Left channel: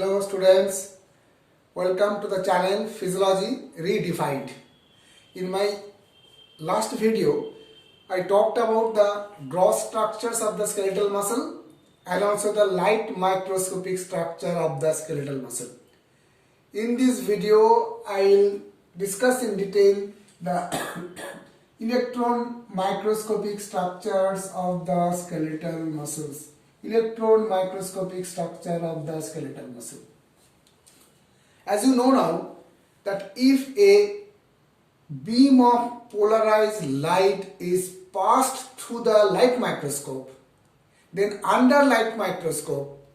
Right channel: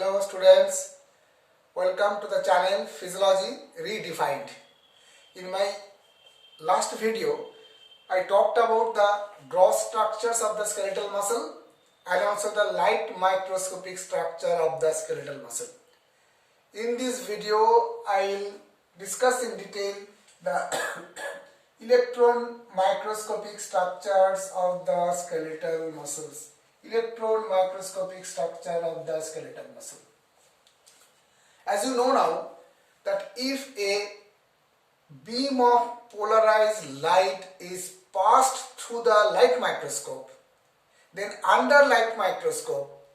Hello students, welcome to the channel Physiology Redefined. In my last video, I talked about the gross structures of the skeletal muscle and also the light microscopic structure of the skeletal muscle. In this video, I will discuss in detail the electron microscopic structures of the skeletal muscles. Electron microscopic structure of the skeletal muscle. As you know now that if a beam of polarized light is passed through the light microscope, then under light microscope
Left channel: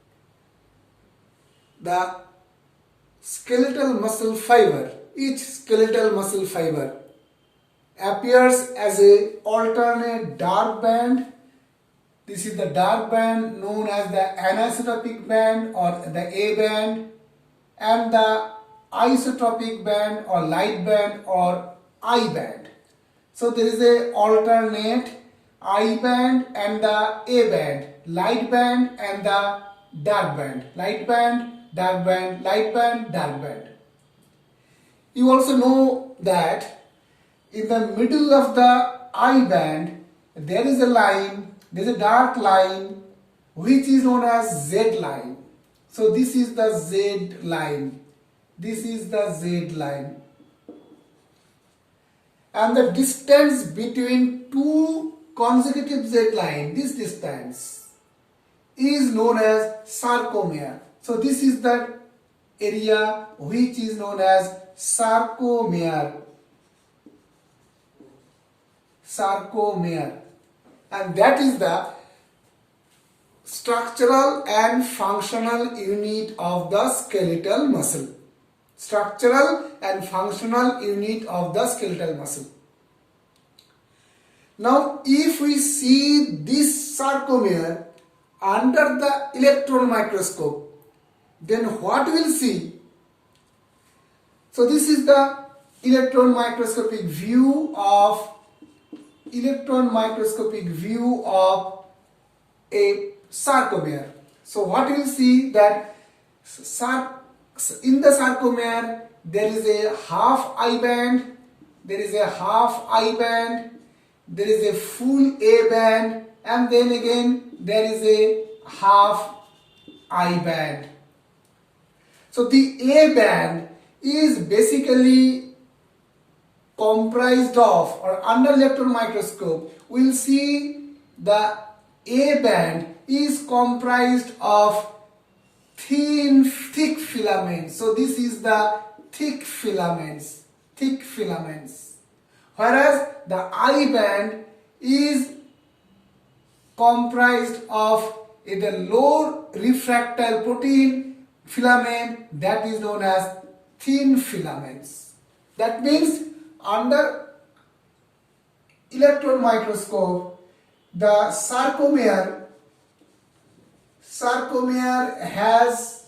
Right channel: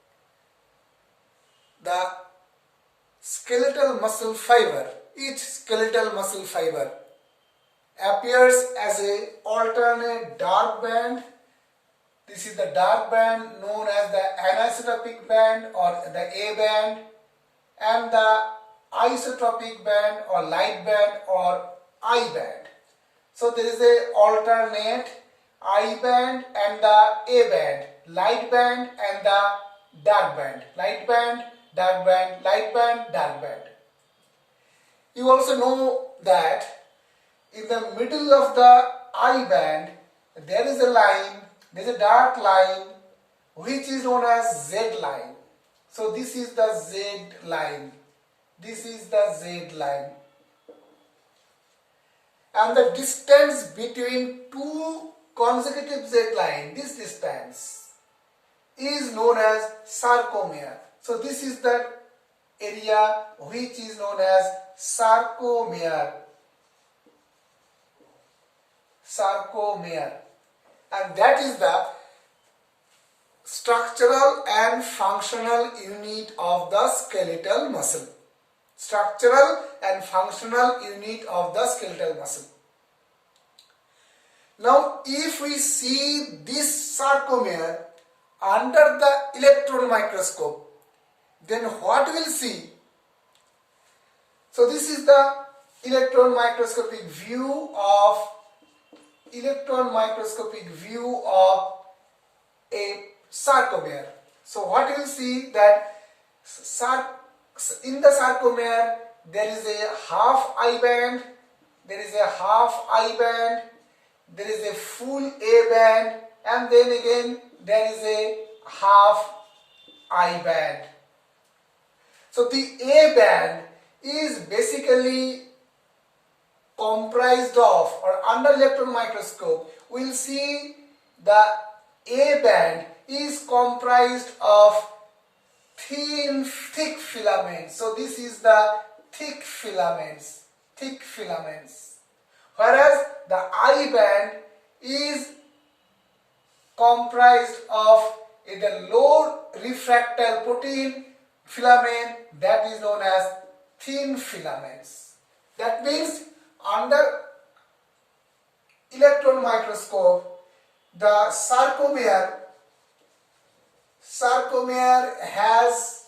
the skeletal muscle fiber, each skeletal muscle fiber appears as a alternate dark band. This is the dark band known as the anisotropic band or the A band, and the isotropic band or light band or I band. So there is a alternate I band and the A band, light band and the dark band, light band, dark band, light band, dark band. You also know that in the middle of the I band there is a line. There is a dark line which is known as Z line. So this is the Z line. This is the Z line. And the distance between two consecutive Z lines, this distance is known as sarcomere. So this is the area which is known as sarcomere. Sarcomere. And that is the structural and functional unit of the skeletal muscle. Structural and functional unit of the skeletal muscle. Now, if we see this sarcomere under the electron microscope, then what we'll see? So this is the electron microscopic view of a sarcomere. So what you will see that in the sarcomere there is a half I band, there is a half I band, there is a full A band, and then again there is a half I band. So the A band is basically comprised of, or under electron microscope we will see the A band is comprised of thick filaments. So this is the thick filaments. Whereas the I band is comprised of the low refractile protein filament that is known as thin filaments. That means under electron microscope, the sarcomere has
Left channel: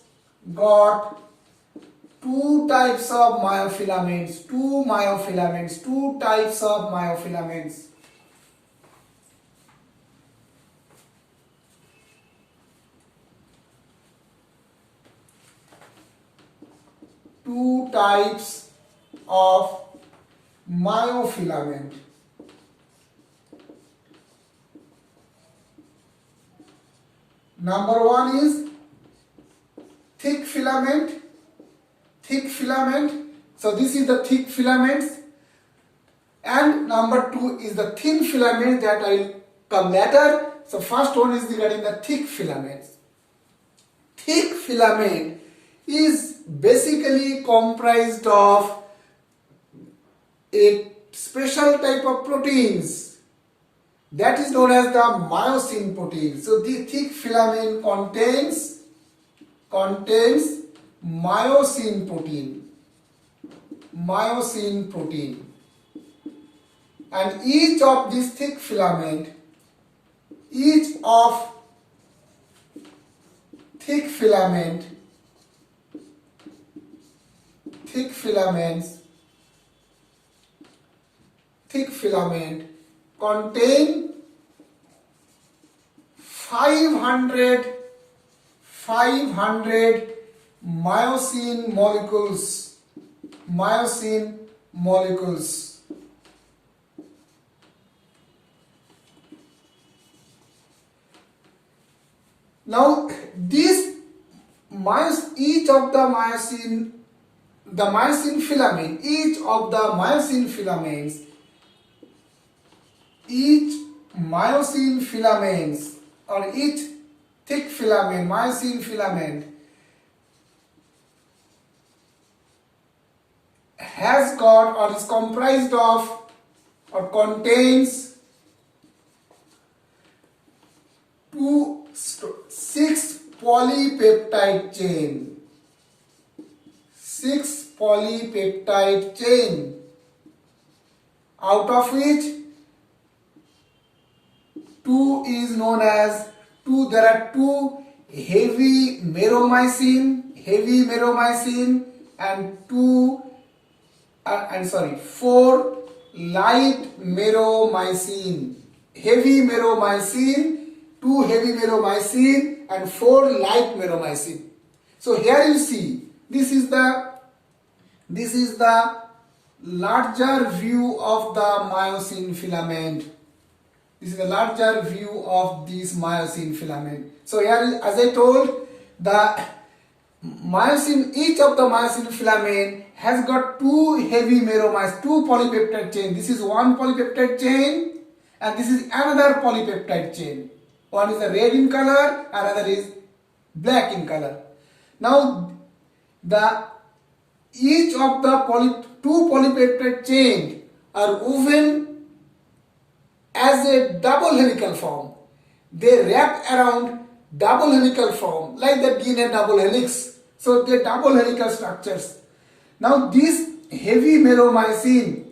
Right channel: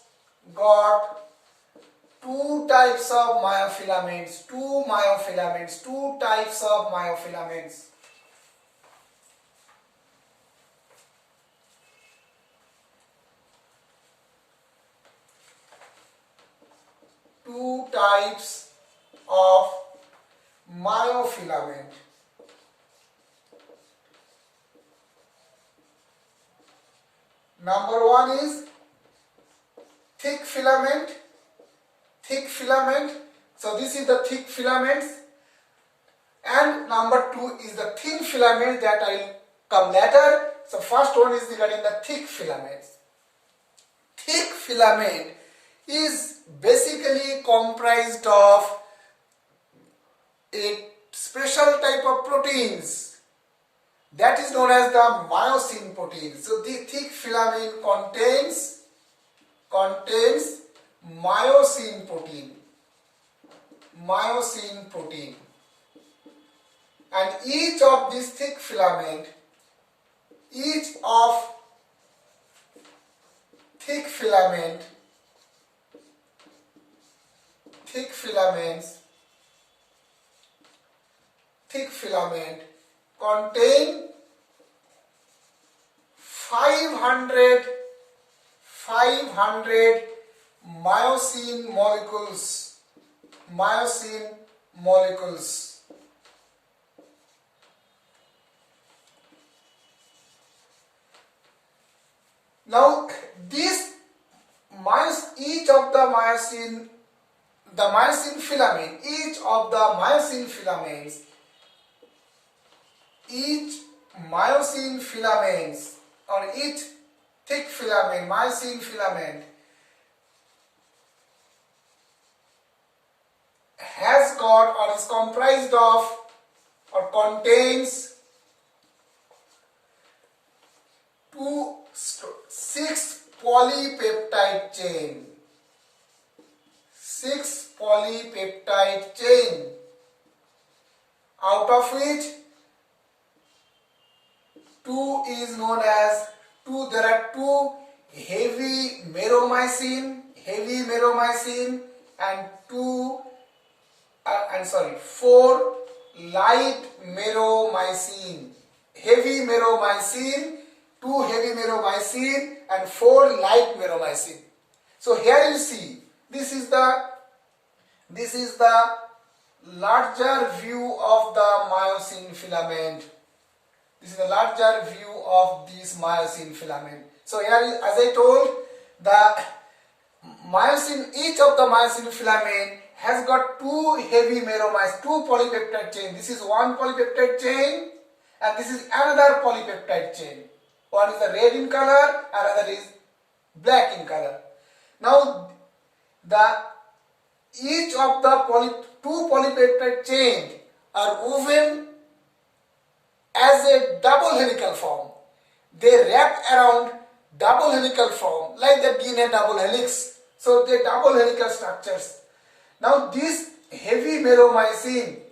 got two types of myofilaments, two types of myofilaments. Two types of myofilament. Number one is thick filament. So this is the thick filaments. And number two is the thin filament that I will come later. So first one is regarding the thick filaments. Thick filament is basically comprised of a special type of proteins that is known as the myosin protein. So the thick filament contains myosin protein, and each of these thick filaments contain 500 myosin molecules. Myosin molecules. Now this each of the myosin filament, each of the myosin filaments, each myosin filaments or each thick filament, myosin filament has got or is comprised of or contains 6 polypeptide chain. 6 polypeptide chain, out of which 2 is known as there are 2 heavy meromyosin and 4 light meromyosin. Heavy meromyosin, 2 heavy meromyosin and 4 light meromyosin. So here you see, this is the larger view of the myosin filament. This is the larger view of this myosin filament. So here, as I told, the myosin, each of the myosin filament has got 2 heavy meromyosin, 2 polypeptide chain. This is one polypeptide chain and this is another polypeptide chain. One is red in color, another is black in color. Now each of the 2 polypeptide chain are woven as a double helical form. They wrap around double helical form like the DNA double helix. So they double helical structures. Now this heavy meromyosin,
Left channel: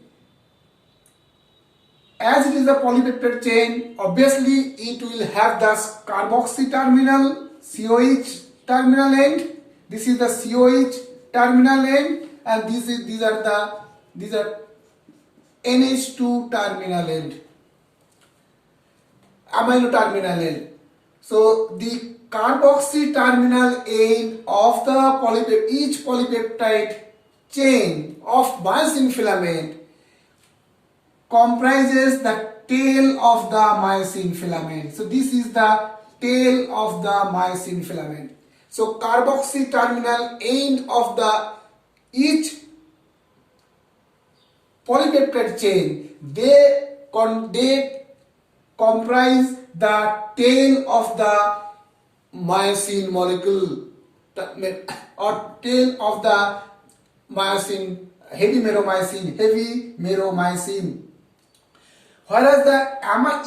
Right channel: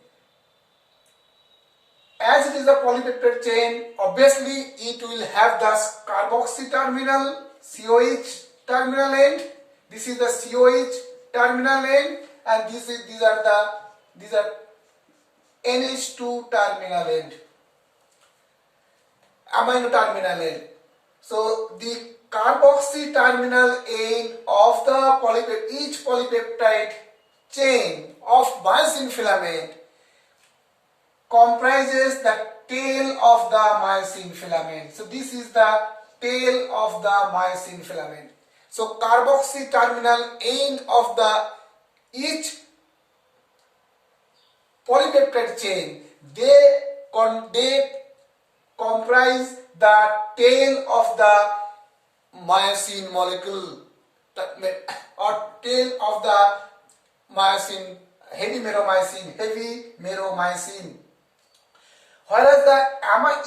as it is a polypeptide chain, obviously it will have the carboxy terminal, COH terminal end. This is the COH terminal end, and these are NH2 terminal end, amino terminal end. So the carboxy terminal end of the each polypeptide chain of myosin filament comprises the tail of the myosin filament. So this is the tail of the myosin filament. So carboxy terminal end of each polypeptide chain, they comprise the tail of the myosin molecule or tail of the myosin, heavy meromyosin. Whereas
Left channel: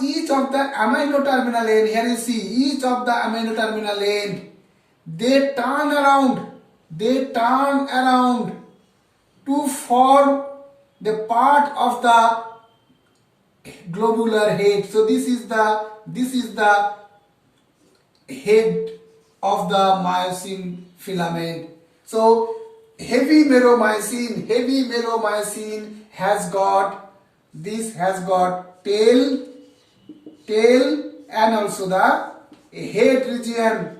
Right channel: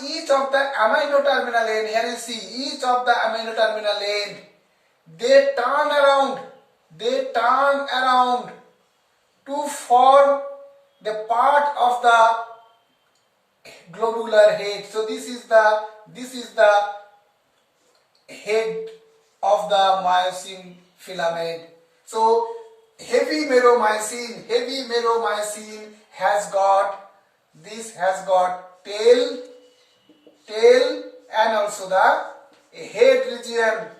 each of the amino terminal end, here you see each of the amino terminal end, they turn around to form the part of the globular head. So this is the head of the myosin filament. So heavy meromyosin has got tail and also the head region.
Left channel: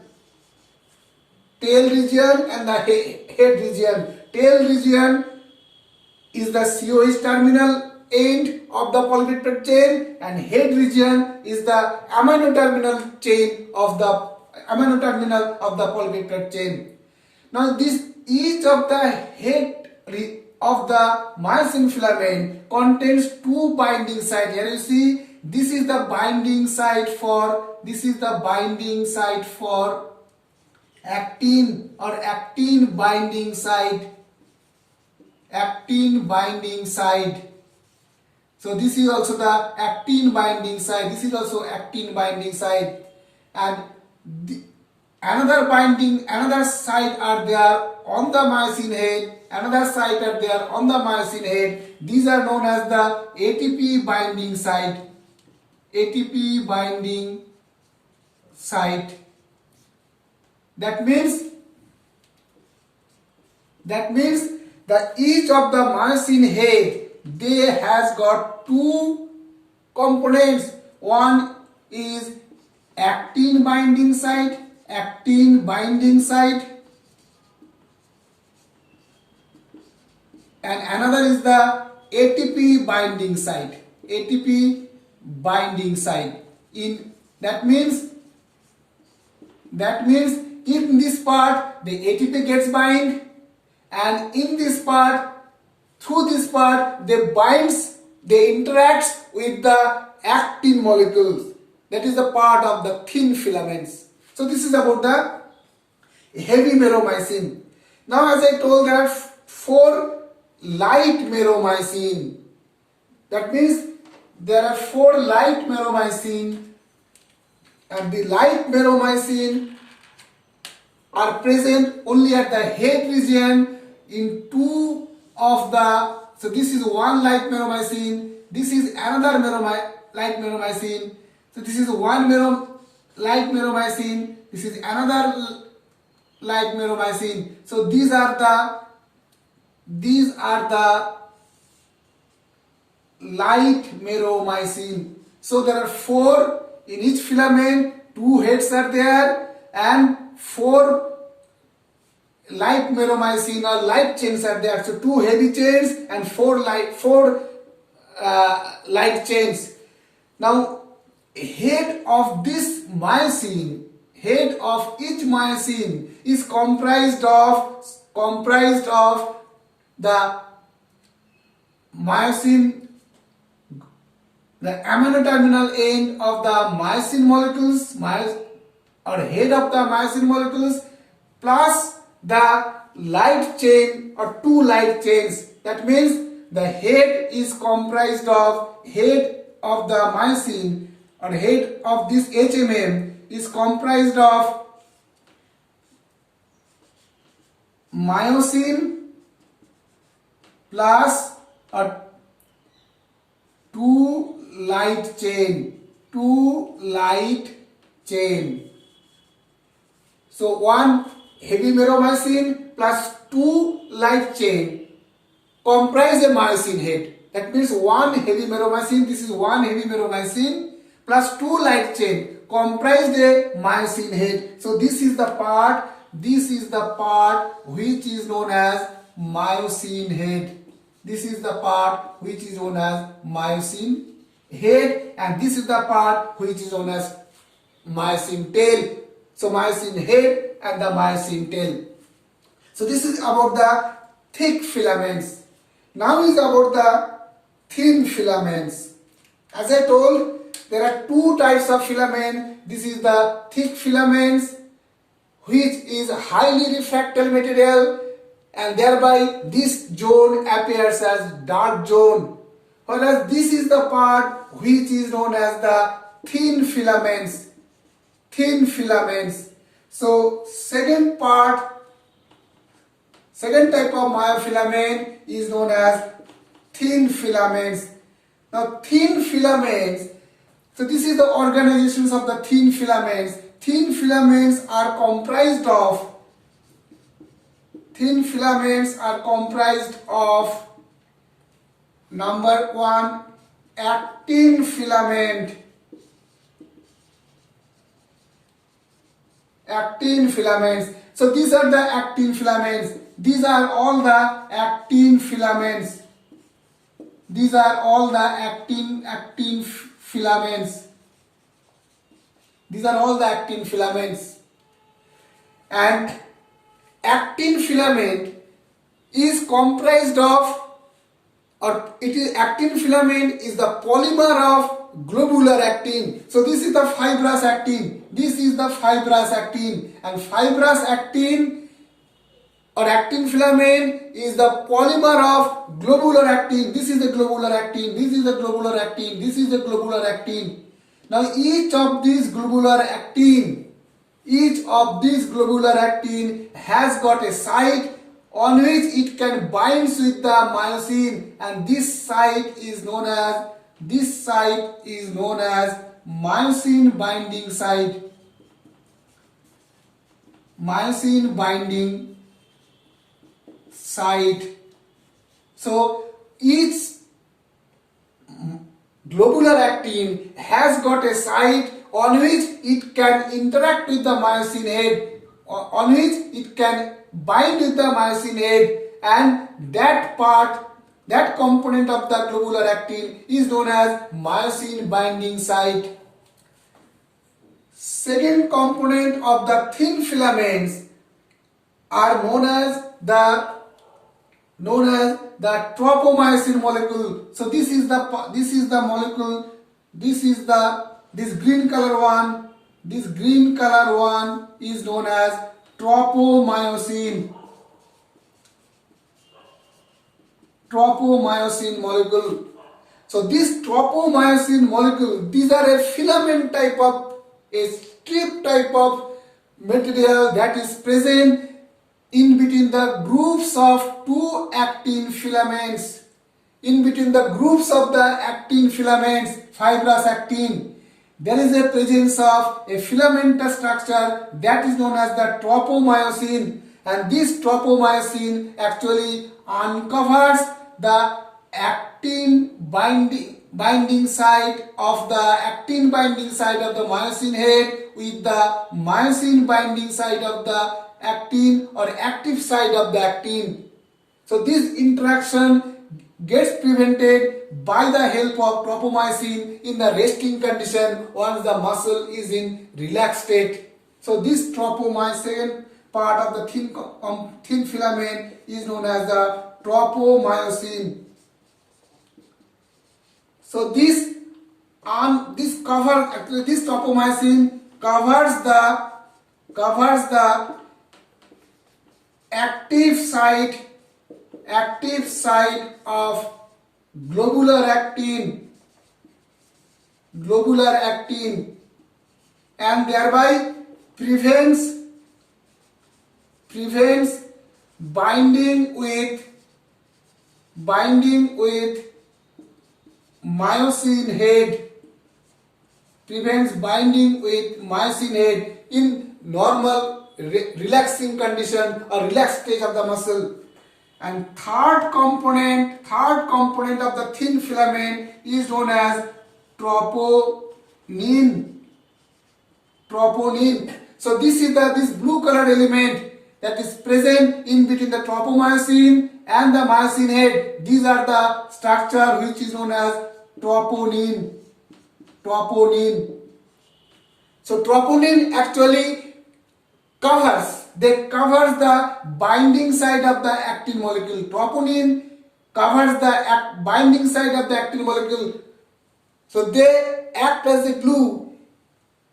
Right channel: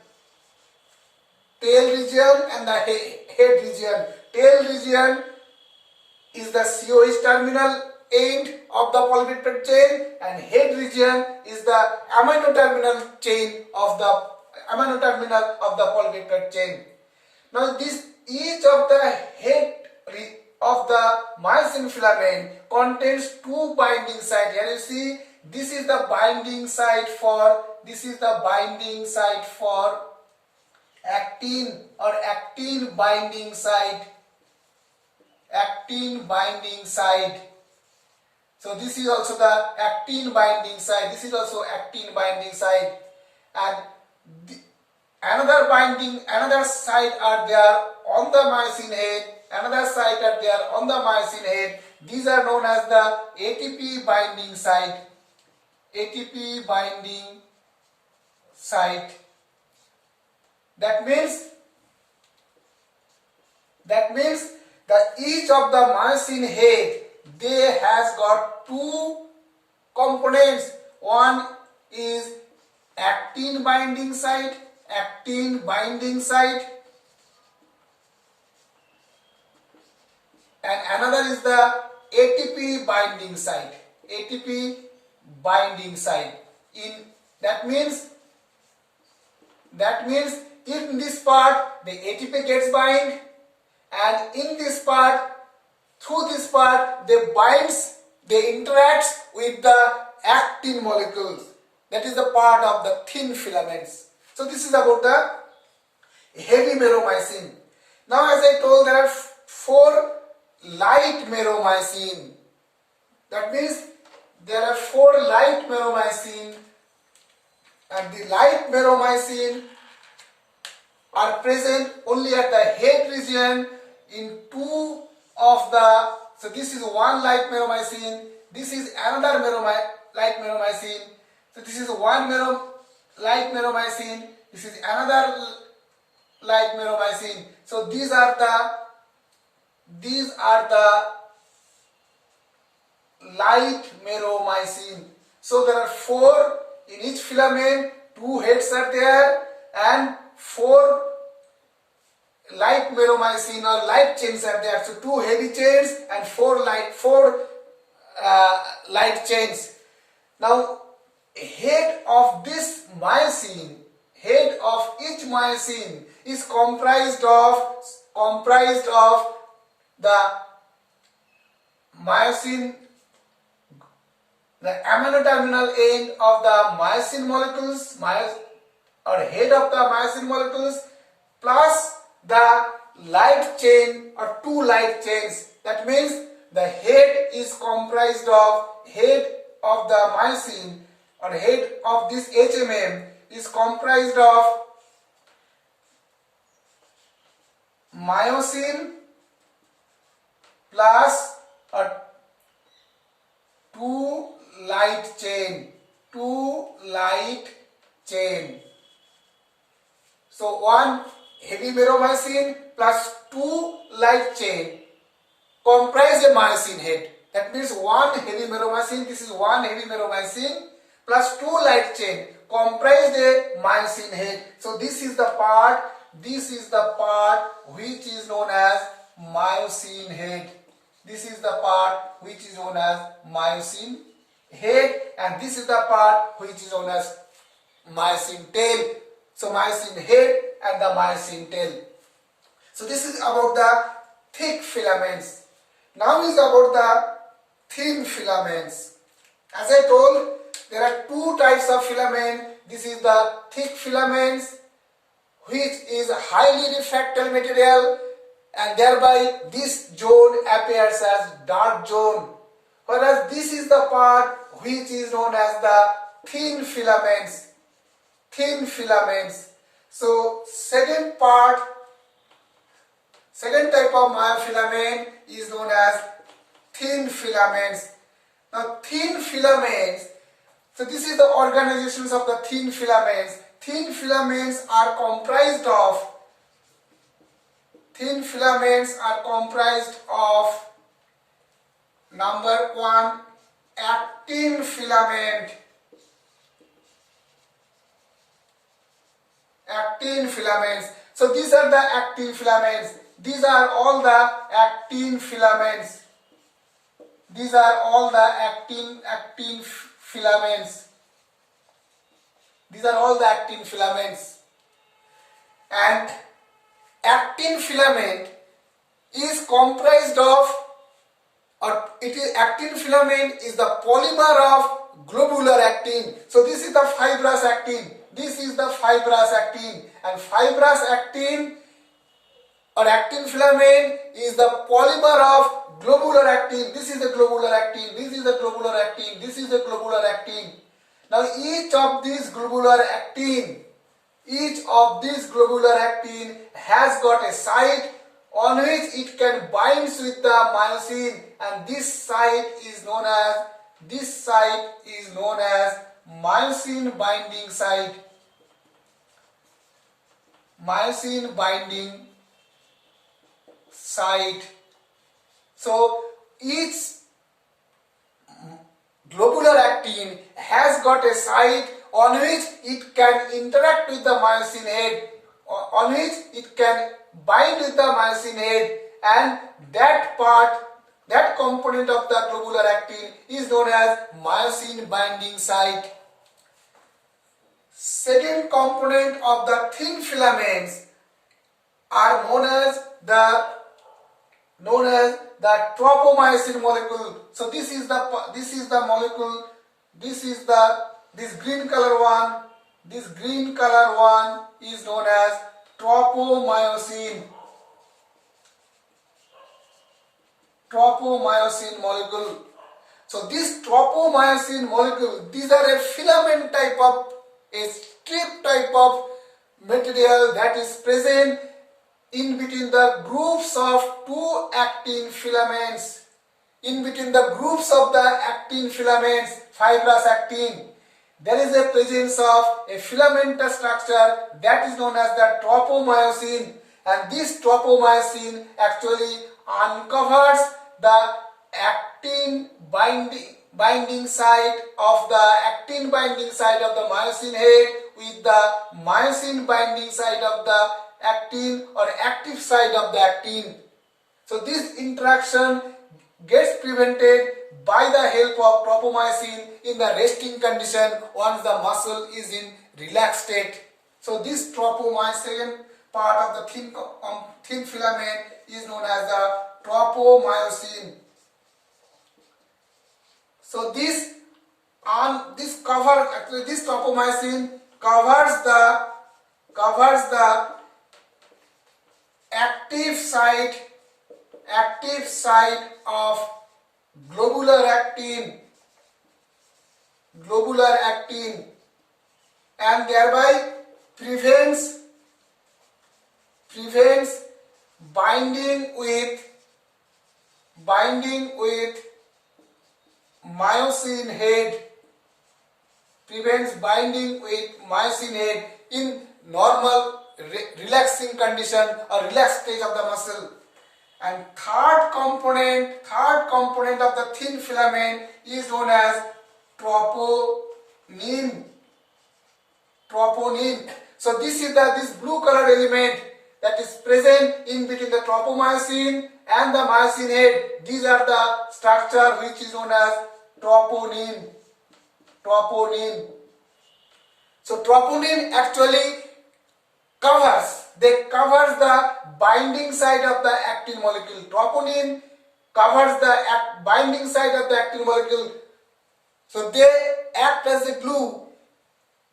Tail region and the head region. Tail region is the COH terminal end of the polypeptide chain, and head region is the amino terminal of the polypeptide chain. Now each of the head of the myosin filament contains 2 binding sites. Here you see, this is the binding site for actin or actin binding site. So this is also the actin binding site. And another site are there on the myosin head. These are known as the ATP binding site. That means that each of the myosin head, they has got 2 components. One is actin binding site, and another is the ATP binding site. ATP binding site. That means in this part the ATP gets bind, and in this part, through this part, they interact with the actin molecules. That is the part of the thin filaments. So this is about the heavy meromyosin. Now, as I told, there are 4 light meromyosin. That means there are 4 light meromyosin, and the light meromyosin are present only at the head region in 2 of the. So this is one light meromyosin, this is another light meromyosin. So this is one light meromyosin, this is another light meromyosin. So these are the light meromyosin. So there are 4 in each filament, 2 heads are there, and 4 light meromyosin or light chains are there. So 2 heavy chains and 4 light chains. Now, head of this myosin, head of each myosin is comprised of the myosin, the amino terminal end of the myosin molecules, or head of the myosin molecules, plus the light chain or 2 light chains. That means the head is comprised of head of the myosin, or head of this HMM is comprised of myosin plus a 2 light chain. So one heavy meromyosin plus 2 light chain comprise a myosin head. That means one heavy meromyosin, this is one heavy meromyosin plus 2 light chain comprise a myosin head. So this is the part which is known as myosin head. This is the part which is known as myosin head, and this is the part which is known as myosin tail. So myosin head and the myosin tail. So this is about the thick filaments. Now is about the thin filaments. As I told, there are 2 types of filament. This is the thick filaments, which is highly refractory material, and thereby this zone appears as dark zone. Whereas this is the part which is known as the thin filaments. So second type of myofilament is known as thin filaments. Now thin filaments, so this is the organizations of the thin filaments. Thin filaments are comprised of number 1, actin filament. Actin filaments. So these are the actin filaments. These are all the actin filaments. These are all the actin filaments. These are all the actin filaments. And actin filament is comprised of, actin filament is the polymer of globular actin. So this is the fibrous actin. This is the fibrous actin, and fibrous actin or actin filament is the polymer of globular actin. This is the globular actin. This is the globular actin. This is the globular actin. Now each of these globular actin has got a site on which it can bind with the myosin, and this site is known as myosin binding site. Myosin binding site. So each globular actin has got a site on which it can interact with the myosin head, on which it can bind with the myosin head, and that component of the globular actin is known as myosin binding site. Second component of the thin filaments are known as the tropomyosin molecule. So this is the molecule. This green color one. This green color one is known as tropomyosin. Tropomyosin molecule. So this tropomyosin molecule, these are a filament type of, a strip type of material that is present in between the groups of two actin filaments. In between the groups of the actin filaments, fibrous actin, there is a presence of a filamentous structure that is known as the tropomyosin, and this tropomyosin actually uncovers the actin binding site of the myosin head with the myosin binding site of the actin or active site of the actin. So this interaction gets prevented by the help of tropomyosin in the resting condition once the muscle is in relaxed state. So this tropomyosin part of the thin filament is known as the tropomyosin. So this tropomyosin covers the active site of globular actin, and thereby prevents binding with myosin head in normal relaxing condition or relaxed stage of the muscle. And third component of the thin filament is known as troponin. So this is this blue colored element that is present in between the tropomyosin and the myosin head. These are the structure which is known as troponin. So troponin actually covers the binding site of the actin molecule. Troponin covers the binding site of the actin molecule. So they act as a glue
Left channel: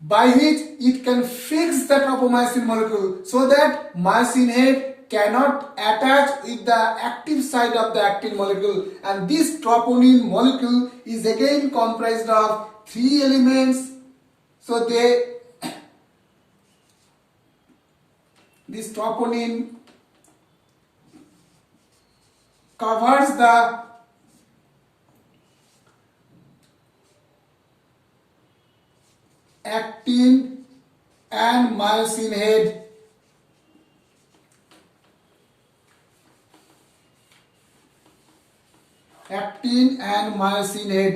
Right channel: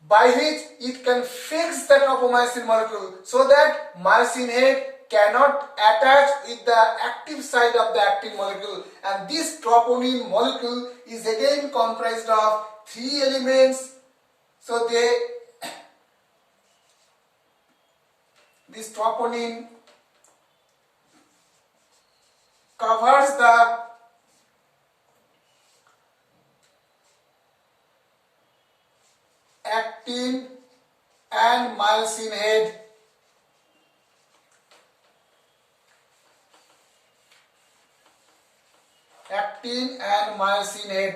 by which it can fix the tropomyosin molecule so that myosin head cannot attach with the active site of the actin molecule. And this troponin molecule is again comprised of three elements. So this troponin covers the actin and myosin head.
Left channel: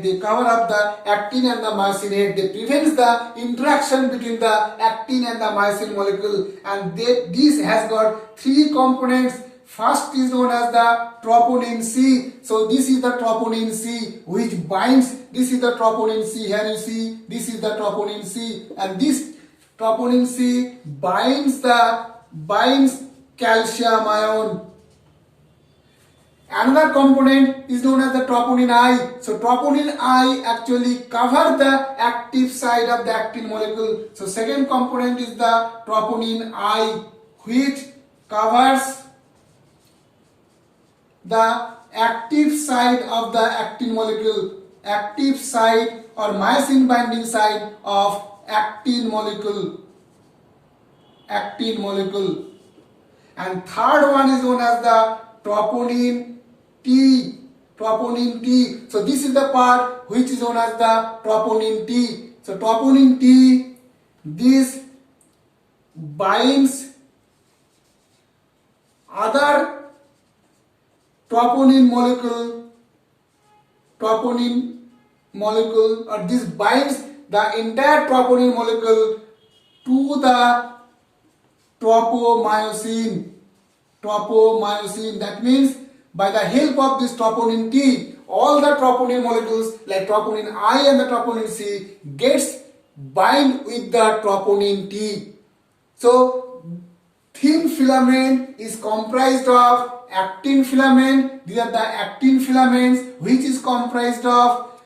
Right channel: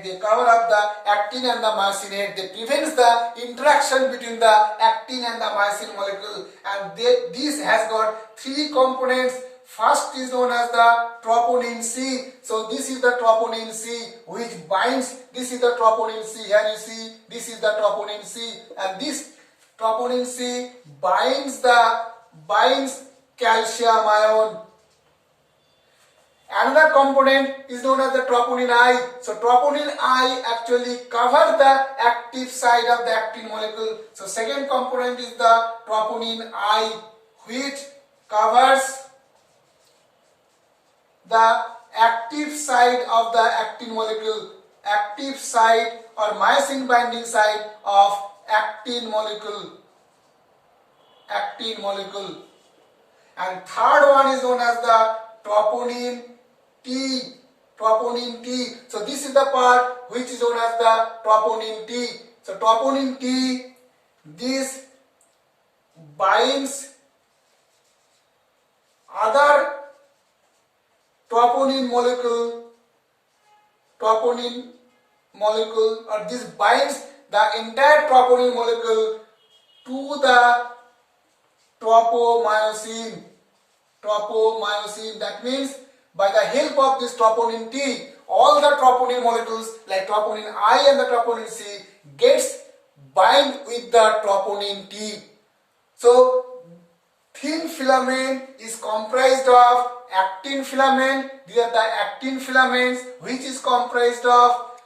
They cover up the actin and the myosin head. They prevent the interaction between the actin and the myosin molecule. And this has got three components. First is known as the troponin C. So this is the troponin C which binds. This is the troponin C. Here you see this is the troponin C, and this troponin C binds calcium ion. Another component is known as the troponin I. So troponin I actually covers the active site of the actin molecule. So second component is the troponin I, which covers the active site of the actin molecule, active site or myosin binding site of actin molecule. And third one is known as the troponin T. So this is the part which is known as the troponin T. So troponin T, this binds other troponin molecule, or this binds the entire troponin molecule to the tropomyosin. Tropomyosin. That means by the help of this troponin T, all the troponin molecules like troponin I and the troponin C gets bind with the troponin T. So thin filament is comprised of actin filament. These are the actin filaments, which is comprised of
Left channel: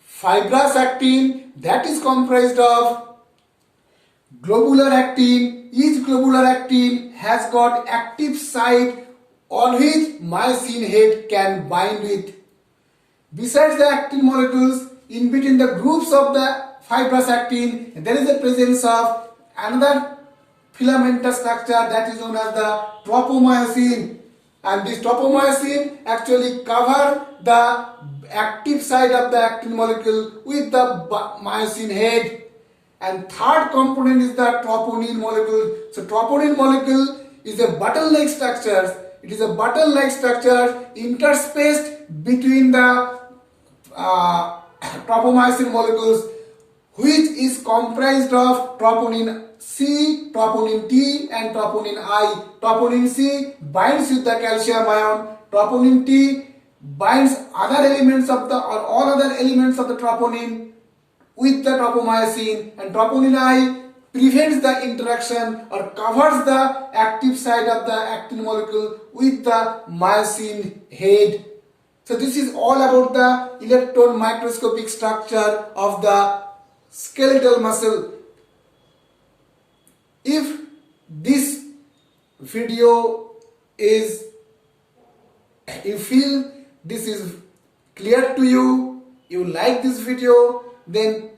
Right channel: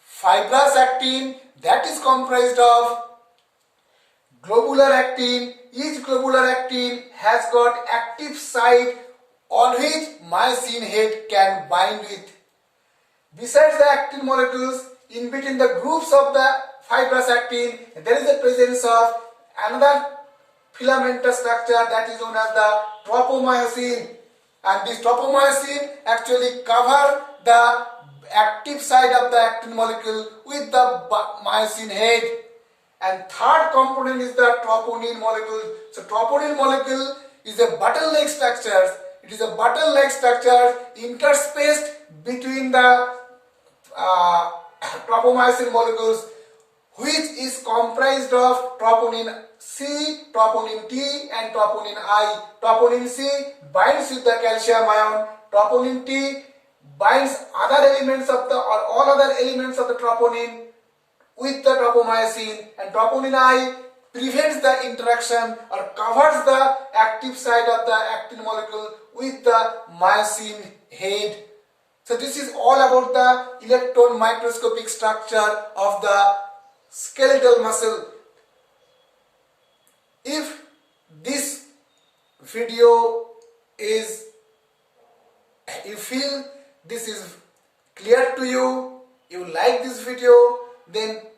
fibrous actin, that is comprised of globular actin. Each globular actin has got active site on which myosin head can bind with. Besides the actin molecules, in between the groups of the fibrous actin, there is a presence of another filamentous structure that is known as the tropomyosin. And this tropomyosin actually cover the active side of the actin molecule with the myosin head. And third component is the troponin molecule. So troponin molecule is a button-like structure. It is a button-like structure interspaced between the tropomyosin molecules, which is comprised of troponin C, troponin T and troponin I. Troponin C binds with the calcium ion. Troponin T binds other elements of the or all other elements of the troponin with the tropomyosin, and troponin I prevents the interaction or covers the active side of the actin molecule with the myosin head. So this is all about the electron microscopic structure of the skeletal muscle. If this video is, you feel this is clear to you, you like this video, then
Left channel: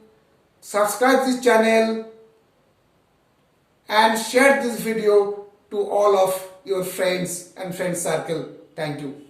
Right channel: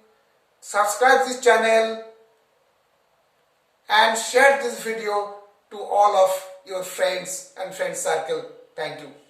subscribe this channel and share this video to all of your friends and friend circle. Thank you.